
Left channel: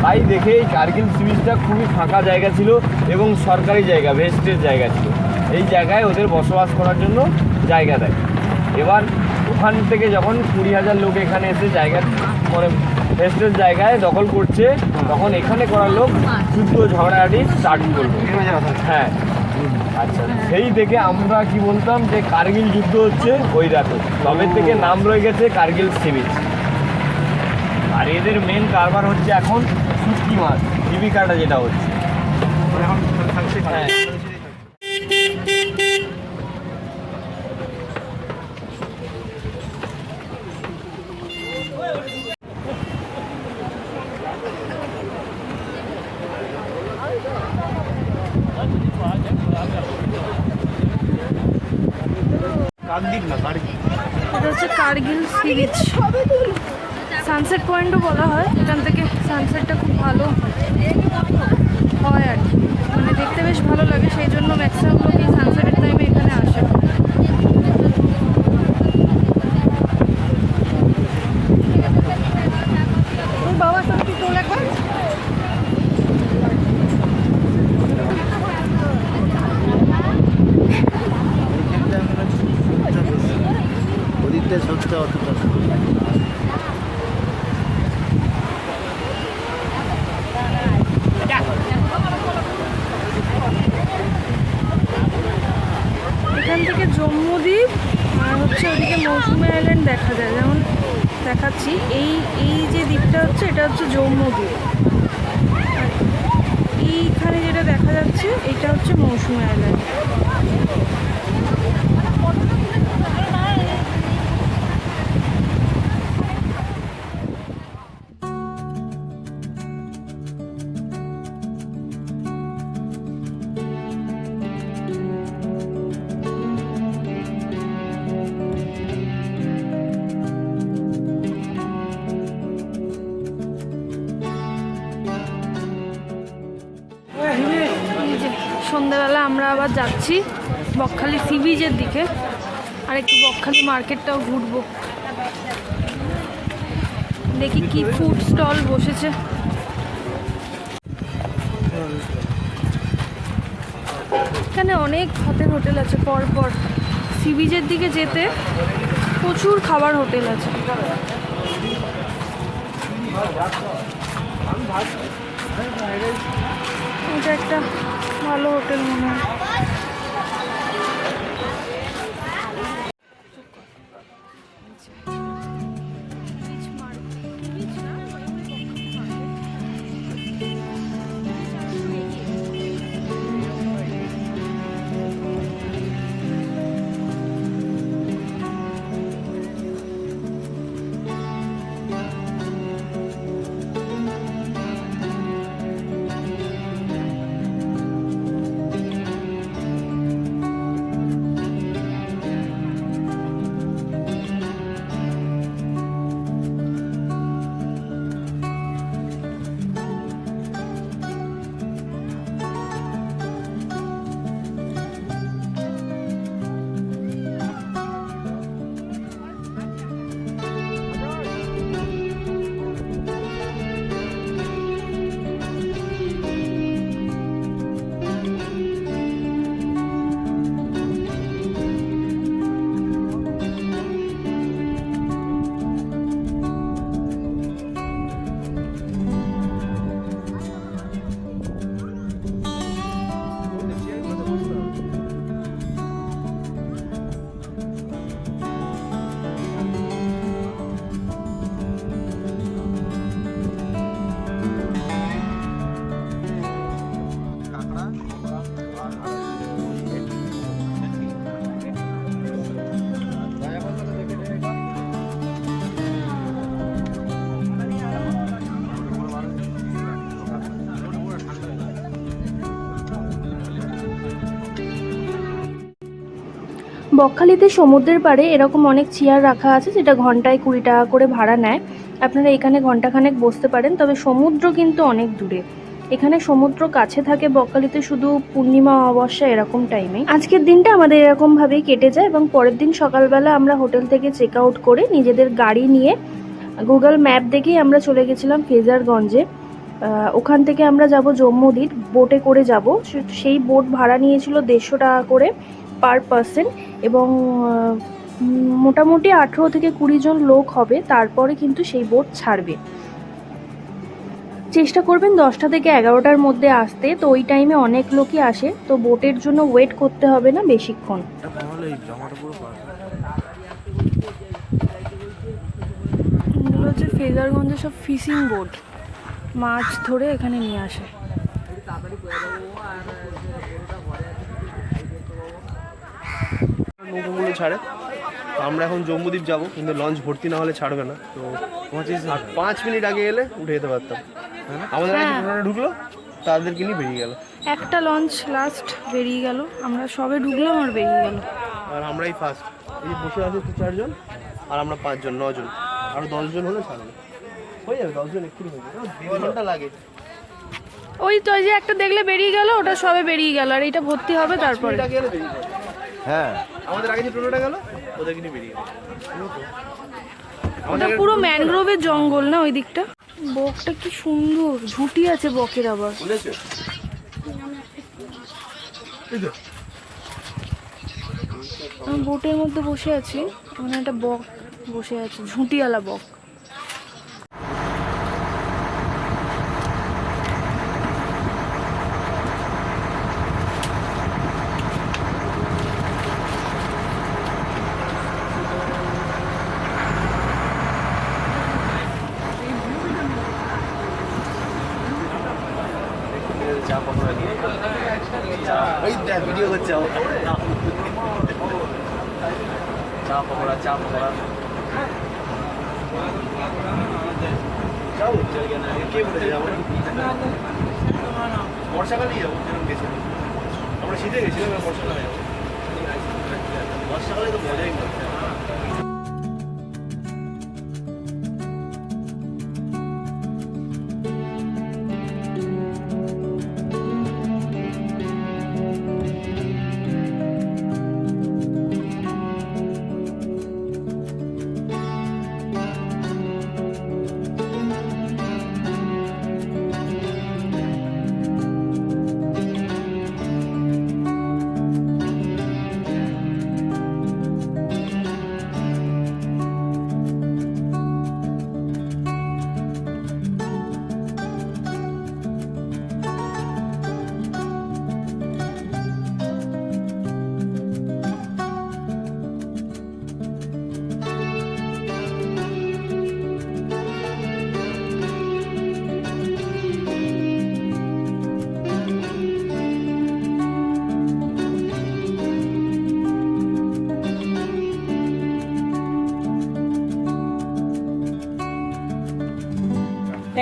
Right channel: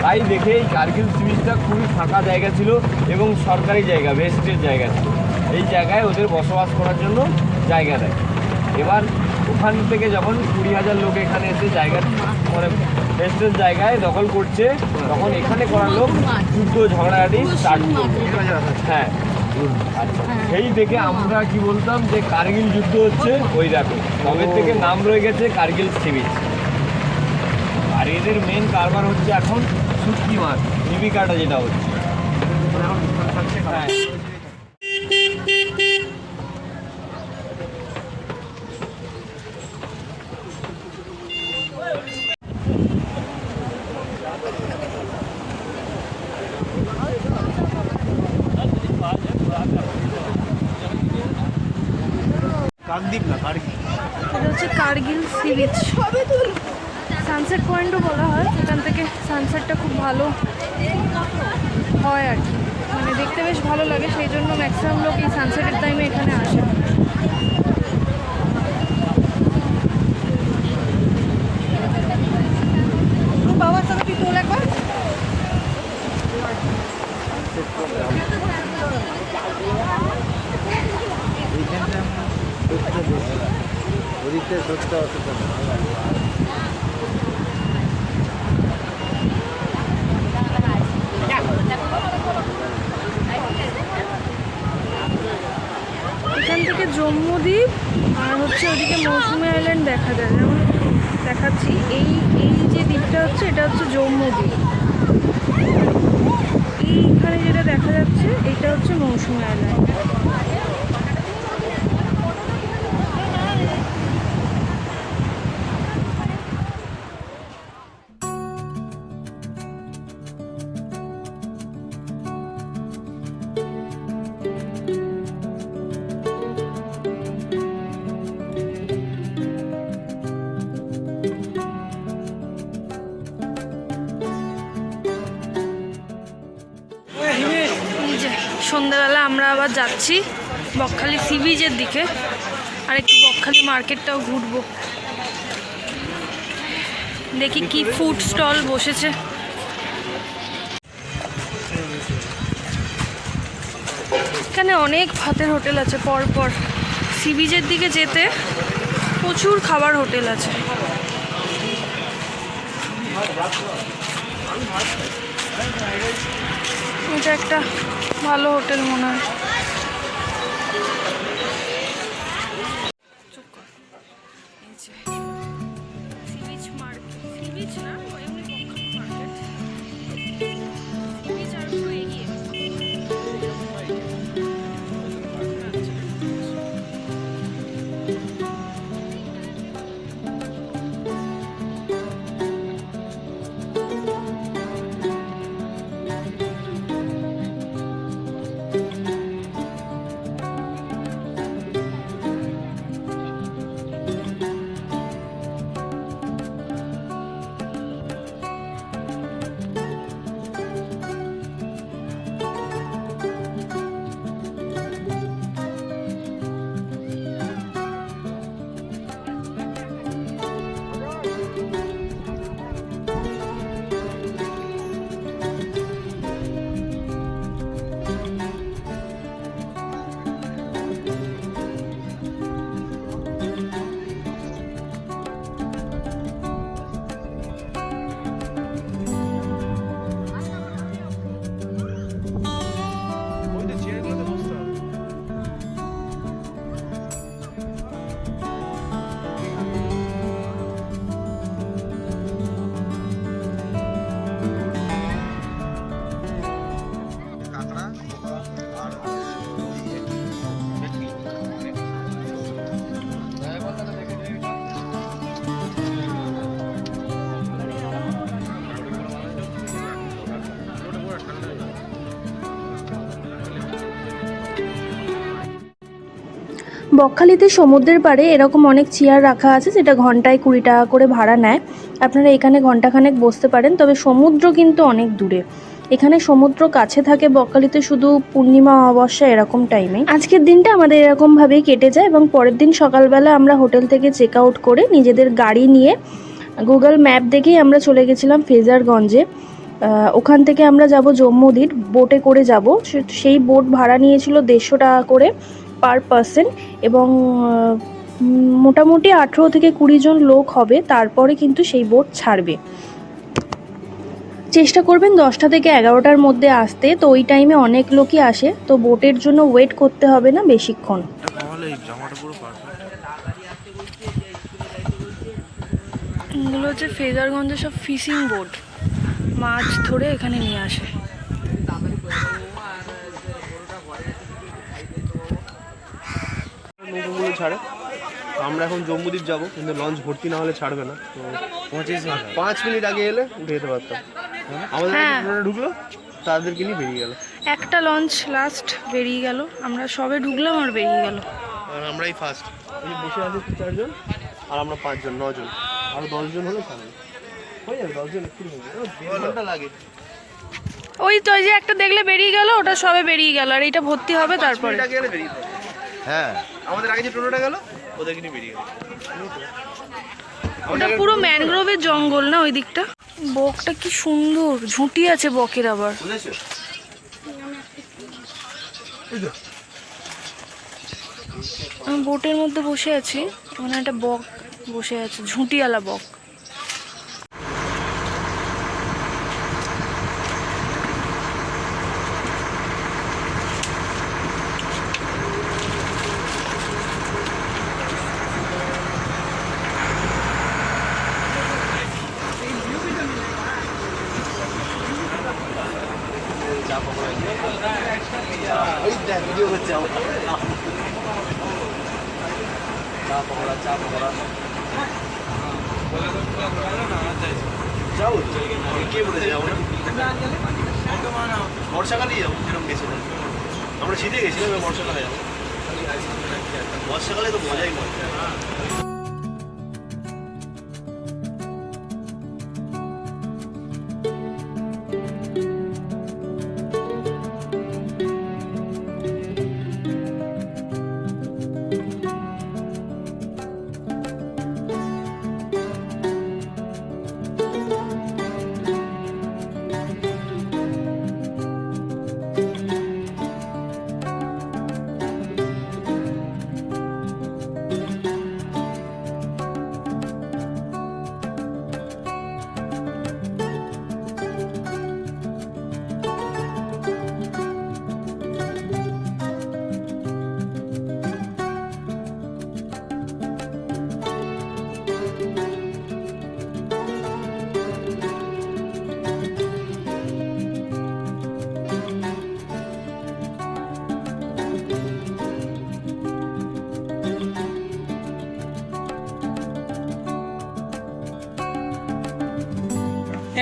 তাই দেখে এই কার্গিল সি বিচটা খুবই ফাঁকা জায়গা ছিল এবং সরকারি জায়গা, ভেস্টের জায়গা ছিল। এই জায়গায় ওদের বসবাস করার জন্য জায়গা দেয়। এবার ওখান থেকে যখন 20,000 লোক এখানে এসে জায়গা ভেস্টের জায়গায় দখল করছে, তখন এখানে করার লোক যুদ্ধ ঝগড়াঝাটি স্টার্ট করবে। হ্যাঁ, আচ্ছা, সেই থেকে আমরা কি বলতাম যে কার্গিল যুদ্ধ হচ্ছে, ওই দেখো তবে থেকে নাম রয়ে গেছে কার্গিল সি বিচ। আর এদের মেন কারবার হচ্ছে এখন শুটকি মাছ, জীবিকাটা যেটা হচ্ছে। হ্যাঁ, এটা হচ্ছে কার্গিল সি বিচ। সানসেট পয়েন্টও বলা হয়। এখান থেকে সানসেটটা খুব ভালো হয় আর কি, মানে দেখতে বেশ ভালো লাগে, সেই জন্য ম্যাক্সিমাম লোক এই সানসেটের টাইমে এখানে আসে। ওদিকটা সবটা অতটা এখান থেকে জম্মু দ্বীপ আর হচ্ছে ওদিকে মৌসুমী আইল্যান্ড দেখা যায়। যেমন দেখাচ্ছি, এই যে দ্বীপটা হচ্ছে, এটা হচ্ছে জম্মু দ্বীপ। এইখানে যেটা দেখা যাচ্ছে, এটা হচ্ছে মৌসুমী আইল্যান্ড। সন্ধ্যাবেলা আমরা আবার যাচ্ছি বকখালি সি বিচের দিকে, আর একটু বকখালি মার্কেটটাও ঘুরবো, দেখি কি ফুড স্টল বসেছে। এখানে অনেক ভাতের হোটেল আছে পরপর। সি বিচের দিকে যেতে প্রচুর খাবার হোটেল আছে। এটা একটা ভালো হোটেল মনে হয়। বকখালিতে সমুদ্রের পাড়ে এরকম অনেক চেয়ার রাখা আছে, যেটা ঘন্টায় 20 টাকা করে ভাড়া নেয়। আপনারা এখানে ঘন্টাখানেক বসতে পারেন, তবে সমুদ্র কিন্তু অনেক দূরে। এখানে সমুদ্র কাছে থাকে বকখালিতে শুধু পূর্ণিমা অমাবস্যা এরকম টাইমে। আজকের দিনটা আমাদের এরকমভাবেই কেটে যায় এবং পরের দিন সকালবেলা আমরা হোটেল থেকে চেক আউট করে নিজেদের গাড়ি নিয়ে গুগল ম্যাপ দেখেই আমরা চলে গেছিলাম ফ্রেজারগঞ্জে। ওখান থেকে আমরা যাব জম্মুদ্বীপ, বোটে করে যাব। সেই বোট ভাড়া নিয়েছিল 150 টাকা করে পার পারসন এবং মোটামুটি 18 থেকে 20 জন লোক হবে, তারপরে কিন্তু সেই বোট ছাড়বে। চেষ্টা করবেন 10টা থেকে 11টার মধ্যে আসতে, তো ওই টাইমে অনেক লোকই আসে, তো বোটের জন্য ওয়েট করতে হবে না বেশিক্ষণ। এগুলো হচ্ছে ফ্রেজারগঞ্জে সব ফিশিং বোট, মাছ ধরে এখানে নিয়ে আসে। নৌকাগুলো ছাড়ে, তো আমরা এখন জম্মুদ্বীপ যাব, কিন্তু লঞ্চ ভর্তি না হলে ছাড়বে না। তো 5 মিনিট আগে এলে উঠে যেতে পারতাম। আমাদের টোটোটা ঢুকলো, তাদেরকে নিয়ে বেরিয়ে গেল। একটা লঞ্চ লাস্ট বেরিয়ে গেল, আমরা সবে ঢুকলাম আর বেরিয়ে গেল। আর আমরাই ফার্স্ট। এই বসে আছে 4 জন, আর আমরা 5 জন, 9 জন। আরো 10 জন হলে ছাড়বে, হয়ে যাবে। 10 জন একটু হয়ে যাবে, 2 ঘন্টা লাগে। ওই তো ওই যে একটা দেখলে বেরিয়ে গেল, ওটা সবে বেরিয়ে গেল, আর এইটা ভর্তি হবে তারপরে। হ্যাঁ, আমাদের আগে যে টোটোটা গেল ওদেরকে নিয়ে বেরিয়ে গেল। ওটা পুরো ম্যানগ্রোভের জঙ্গল না ওই দিকটা। বকটা কি সুন্দর, ঝুঁটি আছে বকের আবার। আমি বোটের মধ্যে বসে আছি, ওখানে একটা বক বসে আছে, ঝুঁটিওয়ালা বক। ভিডিও করছে আমার। চা পকোড়া কে বলেছে যাবো? বর্ষাকালেই যাবো, গেছিলাম আমরা, শীতে গেছিলাম, বর্ষাকালে যাবো। বর্ষাকালে তো মজাই নেই।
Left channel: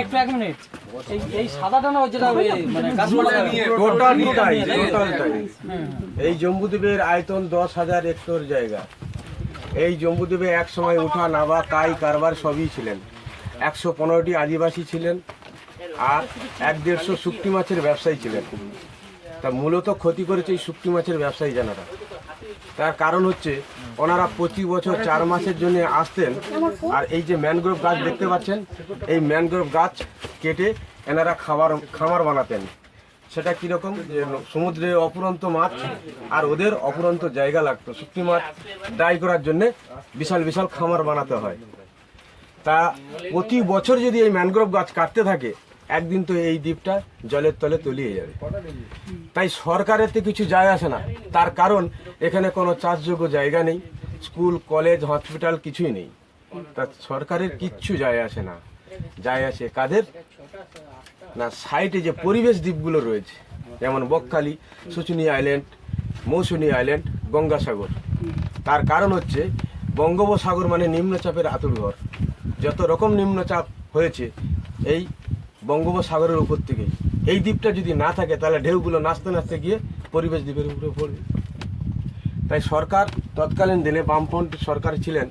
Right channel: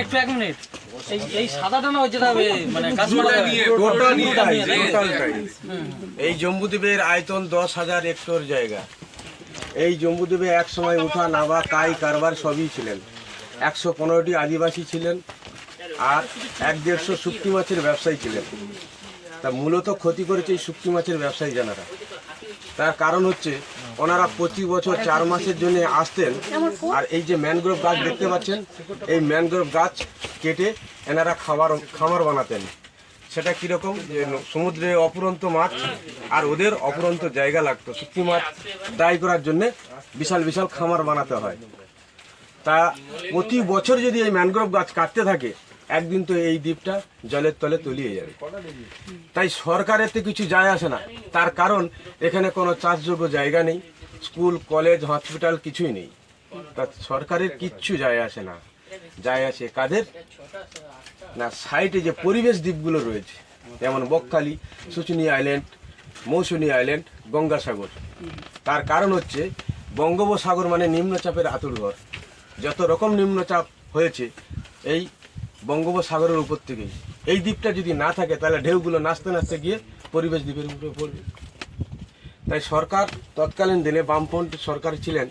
একটু 1 মিনিট, এই সাদাটা না যেটা মানে এই জম্বুদ্বীপের আয়তন 10,000 হেক্টর জায়গা। এই জম্বুদ্বীপে এক সময় উঠা নাবা কাই কারবার সবই ছিলেন। 115টি আদিবাসী ছিলেন আর 150 শুটকি মাছের ব্যবসায়ী ছিলেন। তা মূলত ক্ষতি করেছে এই শুটকি মাছের ব্যবসায়ী জানারা। তার কারণ হচ্ছে ওনারা প্রতি বছর 4 মাসের জন্য আসতেন, আর এই যে ম্যানগ্রোভ গাছ দেখতে পাচ্ছেন, এই ম্যানগ্রোভ গাছ কেটে এনারা খামার বানাতেন। সেটা কীরকম, যে সমুদ্রে অপুরন্ত মাছ আর ওদের অপুরন্ত জায়গা লাগতো, শুটকি মাছ ড্রাই করার জন্যে বিশাল বিশাল খামার বানাতে হয়। তা প্রতি বছর যদি এই ম্যানগ্রোভ গাছ কাটতে থাকে, একদিন তো এই দ্বীপটা জলের তলে তলিয়ে যাবে। তাই সরকারের তো কিছু যায় আসে না, তার কারণ এখানে কোনো চাষযোগ্য জায়গা নেই, স্কুল কলেজ হসপিটাল কিছুই নেই। তা সরকারের কিচ্ছু যায় আসে না, যায় আসে কাদের না, সাইডে যে পরিবেশ দ্বীপগুলো রয়েছে, যেমন বকখালি, শুশুনিয়া আইল্যান্ড, মৌসুনী আইল্যান্ড, গঙ্গাসাগর। তার কারণ হচ্ছে বঙ্গোপসাগর মানে নিম্নচাপের আঁতুড়ঘর। যত রকম নিম্নচাপ হয়েছে এই বঙ্গোপসাগরের উপর থেকেই। এই দ্বীপটা যদি না থাকে তাহলে ঢেউগুলো নাচতে নাচতে গিয়ে পরিবেশ দ্বীপের উপরে পড়বে। তাই সরকার তৎকালীন দিনে বামপন্থী সরকার ছিলেন,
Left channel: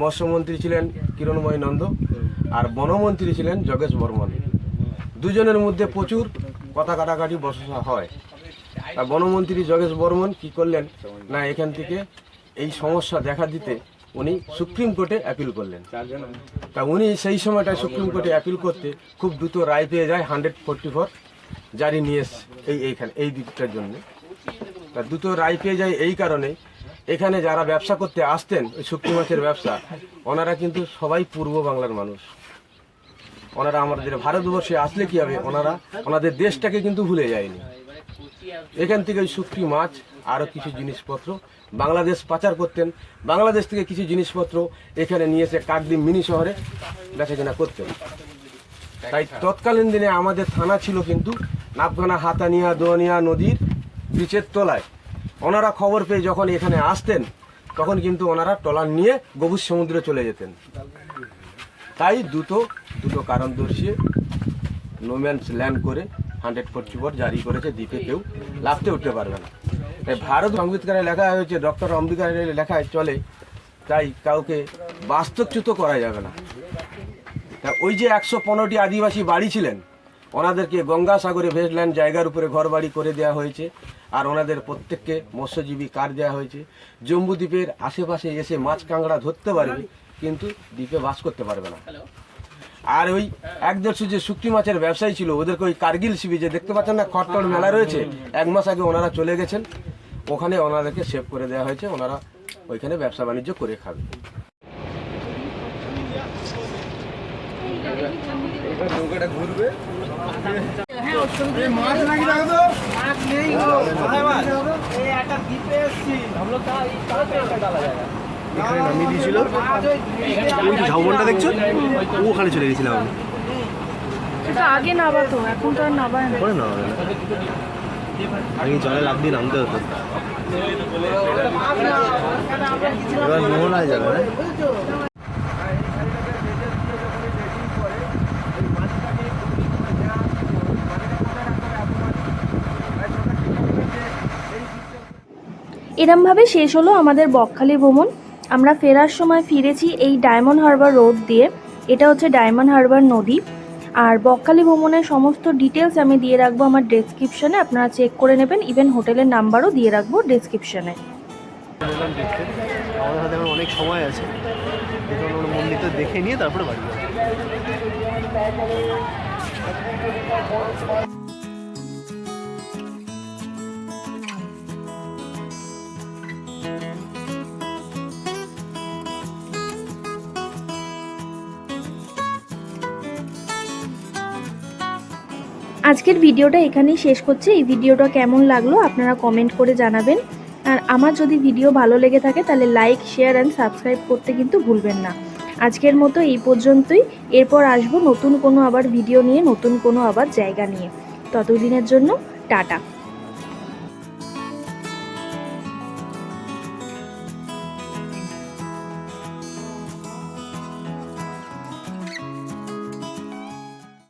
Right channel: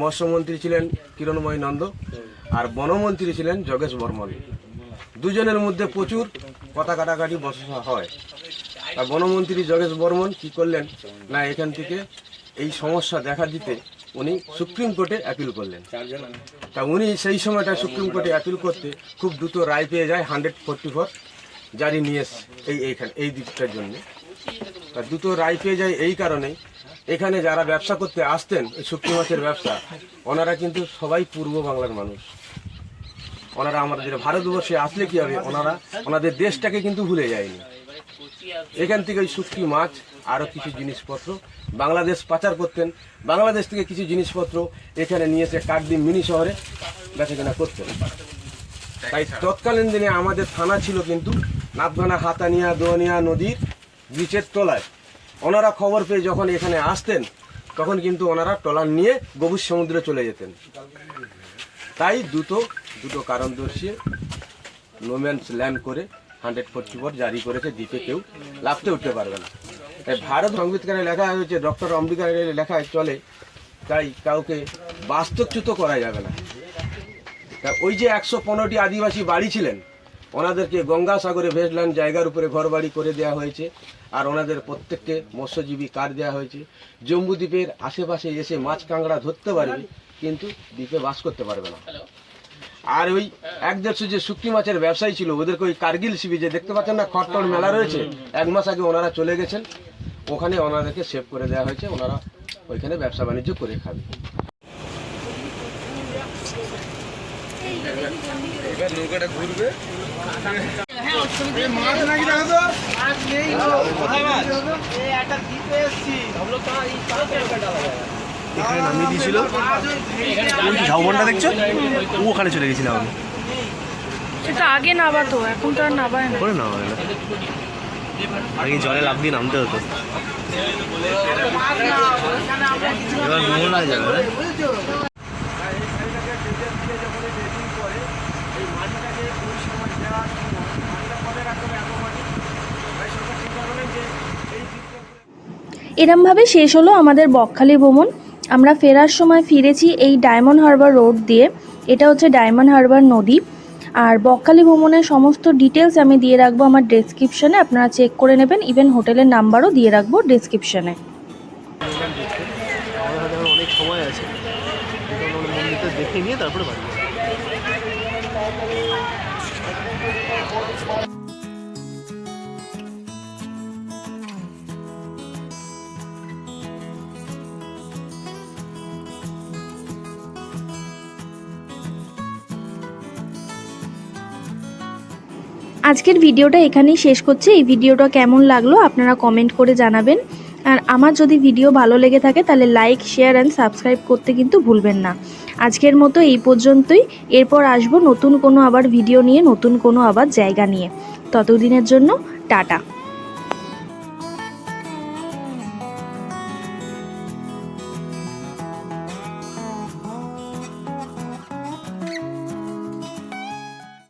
মৎস্যমন্ত্রী ছিলেন কিরণময় নন্দ আর বনমন্ত্রী ছিলেন যোগেশ বর্মন। দুজনের মধ্যে প্রচুর কথা কাটাকাটি বচসা হয়। তা বনমন্ত্রী যোগেশ বর্মন কি করলেন না, এখান থেকে এই সমস্যা দেখা দিতে উনি সুপ্রিম কোর্টে অ্যাপিল করলেন। তা উনি সেই সময়টা সুপ্রিম কোর্টে অ্যাপিল করতে খুব দ্রুত রায় পেয়ে যায়, 144 জারি নিয়ে এইখানে এই দিকটার জন্য। তা দ্রুত রায় পেয়ে যায় এই কারণে, এখানে যারা ব্যবসা করতে আসতেন এই শুটকি মাছের ব্যবসা, ওনারা কিন্তু সবাই পূর্ব বাংলার মানুষ। ওনারা আমাদের ভারতবর্ষে আসলে কি হবে, ওনাদের দেশটাকে কিন্তু ভুলে যায়নি। এখান থেকে ওই শুটকি মাছ আরও কিছু জিনিসপত্র বাংলাদেশ পাচার করতেন, বাংলাদেশ থেকে কিছু জিনিসপত্র এখানে নিয়ে এসে কাকদ্বীপ মিনি শহরে বেচাকেনা করতেন। তাই তৎকালীন দিনে আমাদের থানা ছিল কিন্তু নাপগানা হাতানিয়া দোয়ানিয়া নদীর ব্রিজের তলায়। ওনারা খবর পেয়ে যখন এখানে আসতেন তখন কিন্তু ওনারা ট্রলার নিয়ে গভীর সমুদ্রে চলে যেতেন। তাই দুটো কারণ দর্শিয়ে নোম্যান্স ল্যান্ড করে 144 জারি করেছে, দ্বীপে কেউ লাফতে উঠতে পারবে না। তাই ভারত সংবিধানে লেখা হয়েছে, ডক্টর আম্বেদকরের লেখায় চলে, তাই কাউকে বাস্তুচ্যুত করা যাবে না। তা ওই যে 115টি আদিবাসী বাড়ি ছিলেন, ওনাদেরকে গঙ্গাসাগরে ভেজল্যান্ড জায়গার উপরে ঘর বাড়ি করে দেওয়া হয়েছে, আর ওনাদের প্রত্যেককে মৎস্যজীবী কার্ড দেওয়া হয়েছে। জম্বুদ্বীপের আশেপাশে এসে মাছ কাঁকড়া ধরতে পারবে, কিন্তু দ্বীপে বাস করতে পারবে না। আর ওই 1-150 যে শুটকি মাছের ব্যবসায়ী ছিল, ওদেরকে ওই কার্গিল সি বিচে দেখতে পাচ্ছেন না, খট্টর মেলা রয়েছে, 1 মাস আগে ওনারা চলে গেছেন, ওখানে ওনাদেরকে সেভ করে দেওয়া হয়েছে, ওনারা ওইখানে ব্যবসা বাণিজ্য করে খাবে। এবার নৌকাটা ঘুরবে, এখানে নামিয়ে দিয়েছিল, ঝাউবনটা দেখছো, ওখানে চলে গেছিলাম আমি। সেটা আগে নাবাতো, এখন তো আর নাবায় না। না আগে জলে লাভ দিয়ে নামতে হতো। এবার মোহনায় যাবে না। এরমভাবে শেষ হলো আমাদের বকখালি ভ্রমণ। আমরা ফেরার সময় ফিরেছি এই ডায়মন্ড হারবার রোড দিয়ে। এটা হচ্ছে ডায়মন্ড হারবার নদী। আর বকখালি ভ্রমণের সমস্ত ডিটেলস আমি দিয়ে রাখবো আমার ডেসক্রিপশনে, আপনারা চেক করে নেবেন। ইভেন হোটেলের নাম্বারও দিয়ে রাখবো ডেসক্রিপশনে। আমাদের হাতে এখন অনেক সময় আছে, এখন আমরা মন্দিরটা দেখে নিয়ে তারপরে বাড়ি যাবো। আজকের ভিডিওটা এখানেই শেষ করছি। এই ভিডিওটা কেমন লাগলো আপনারা কমেন্ট করে জানাবেন। আর আমার যদি ভিডিও ভালো লেগে থাকে তাহলে লাইক, শেয়ার অ্যান্ড সাবস্ক্রাইব করতে কিন্তু ভুলবেন না। আজকের মতো এই পর্যন্তই। এরপর আসবো নতুন কোনো আবার ভিডিও নিয়ে, নতুন কোনো আবার জায়গা নিয়ে। ততদিনের জন্য টাটা।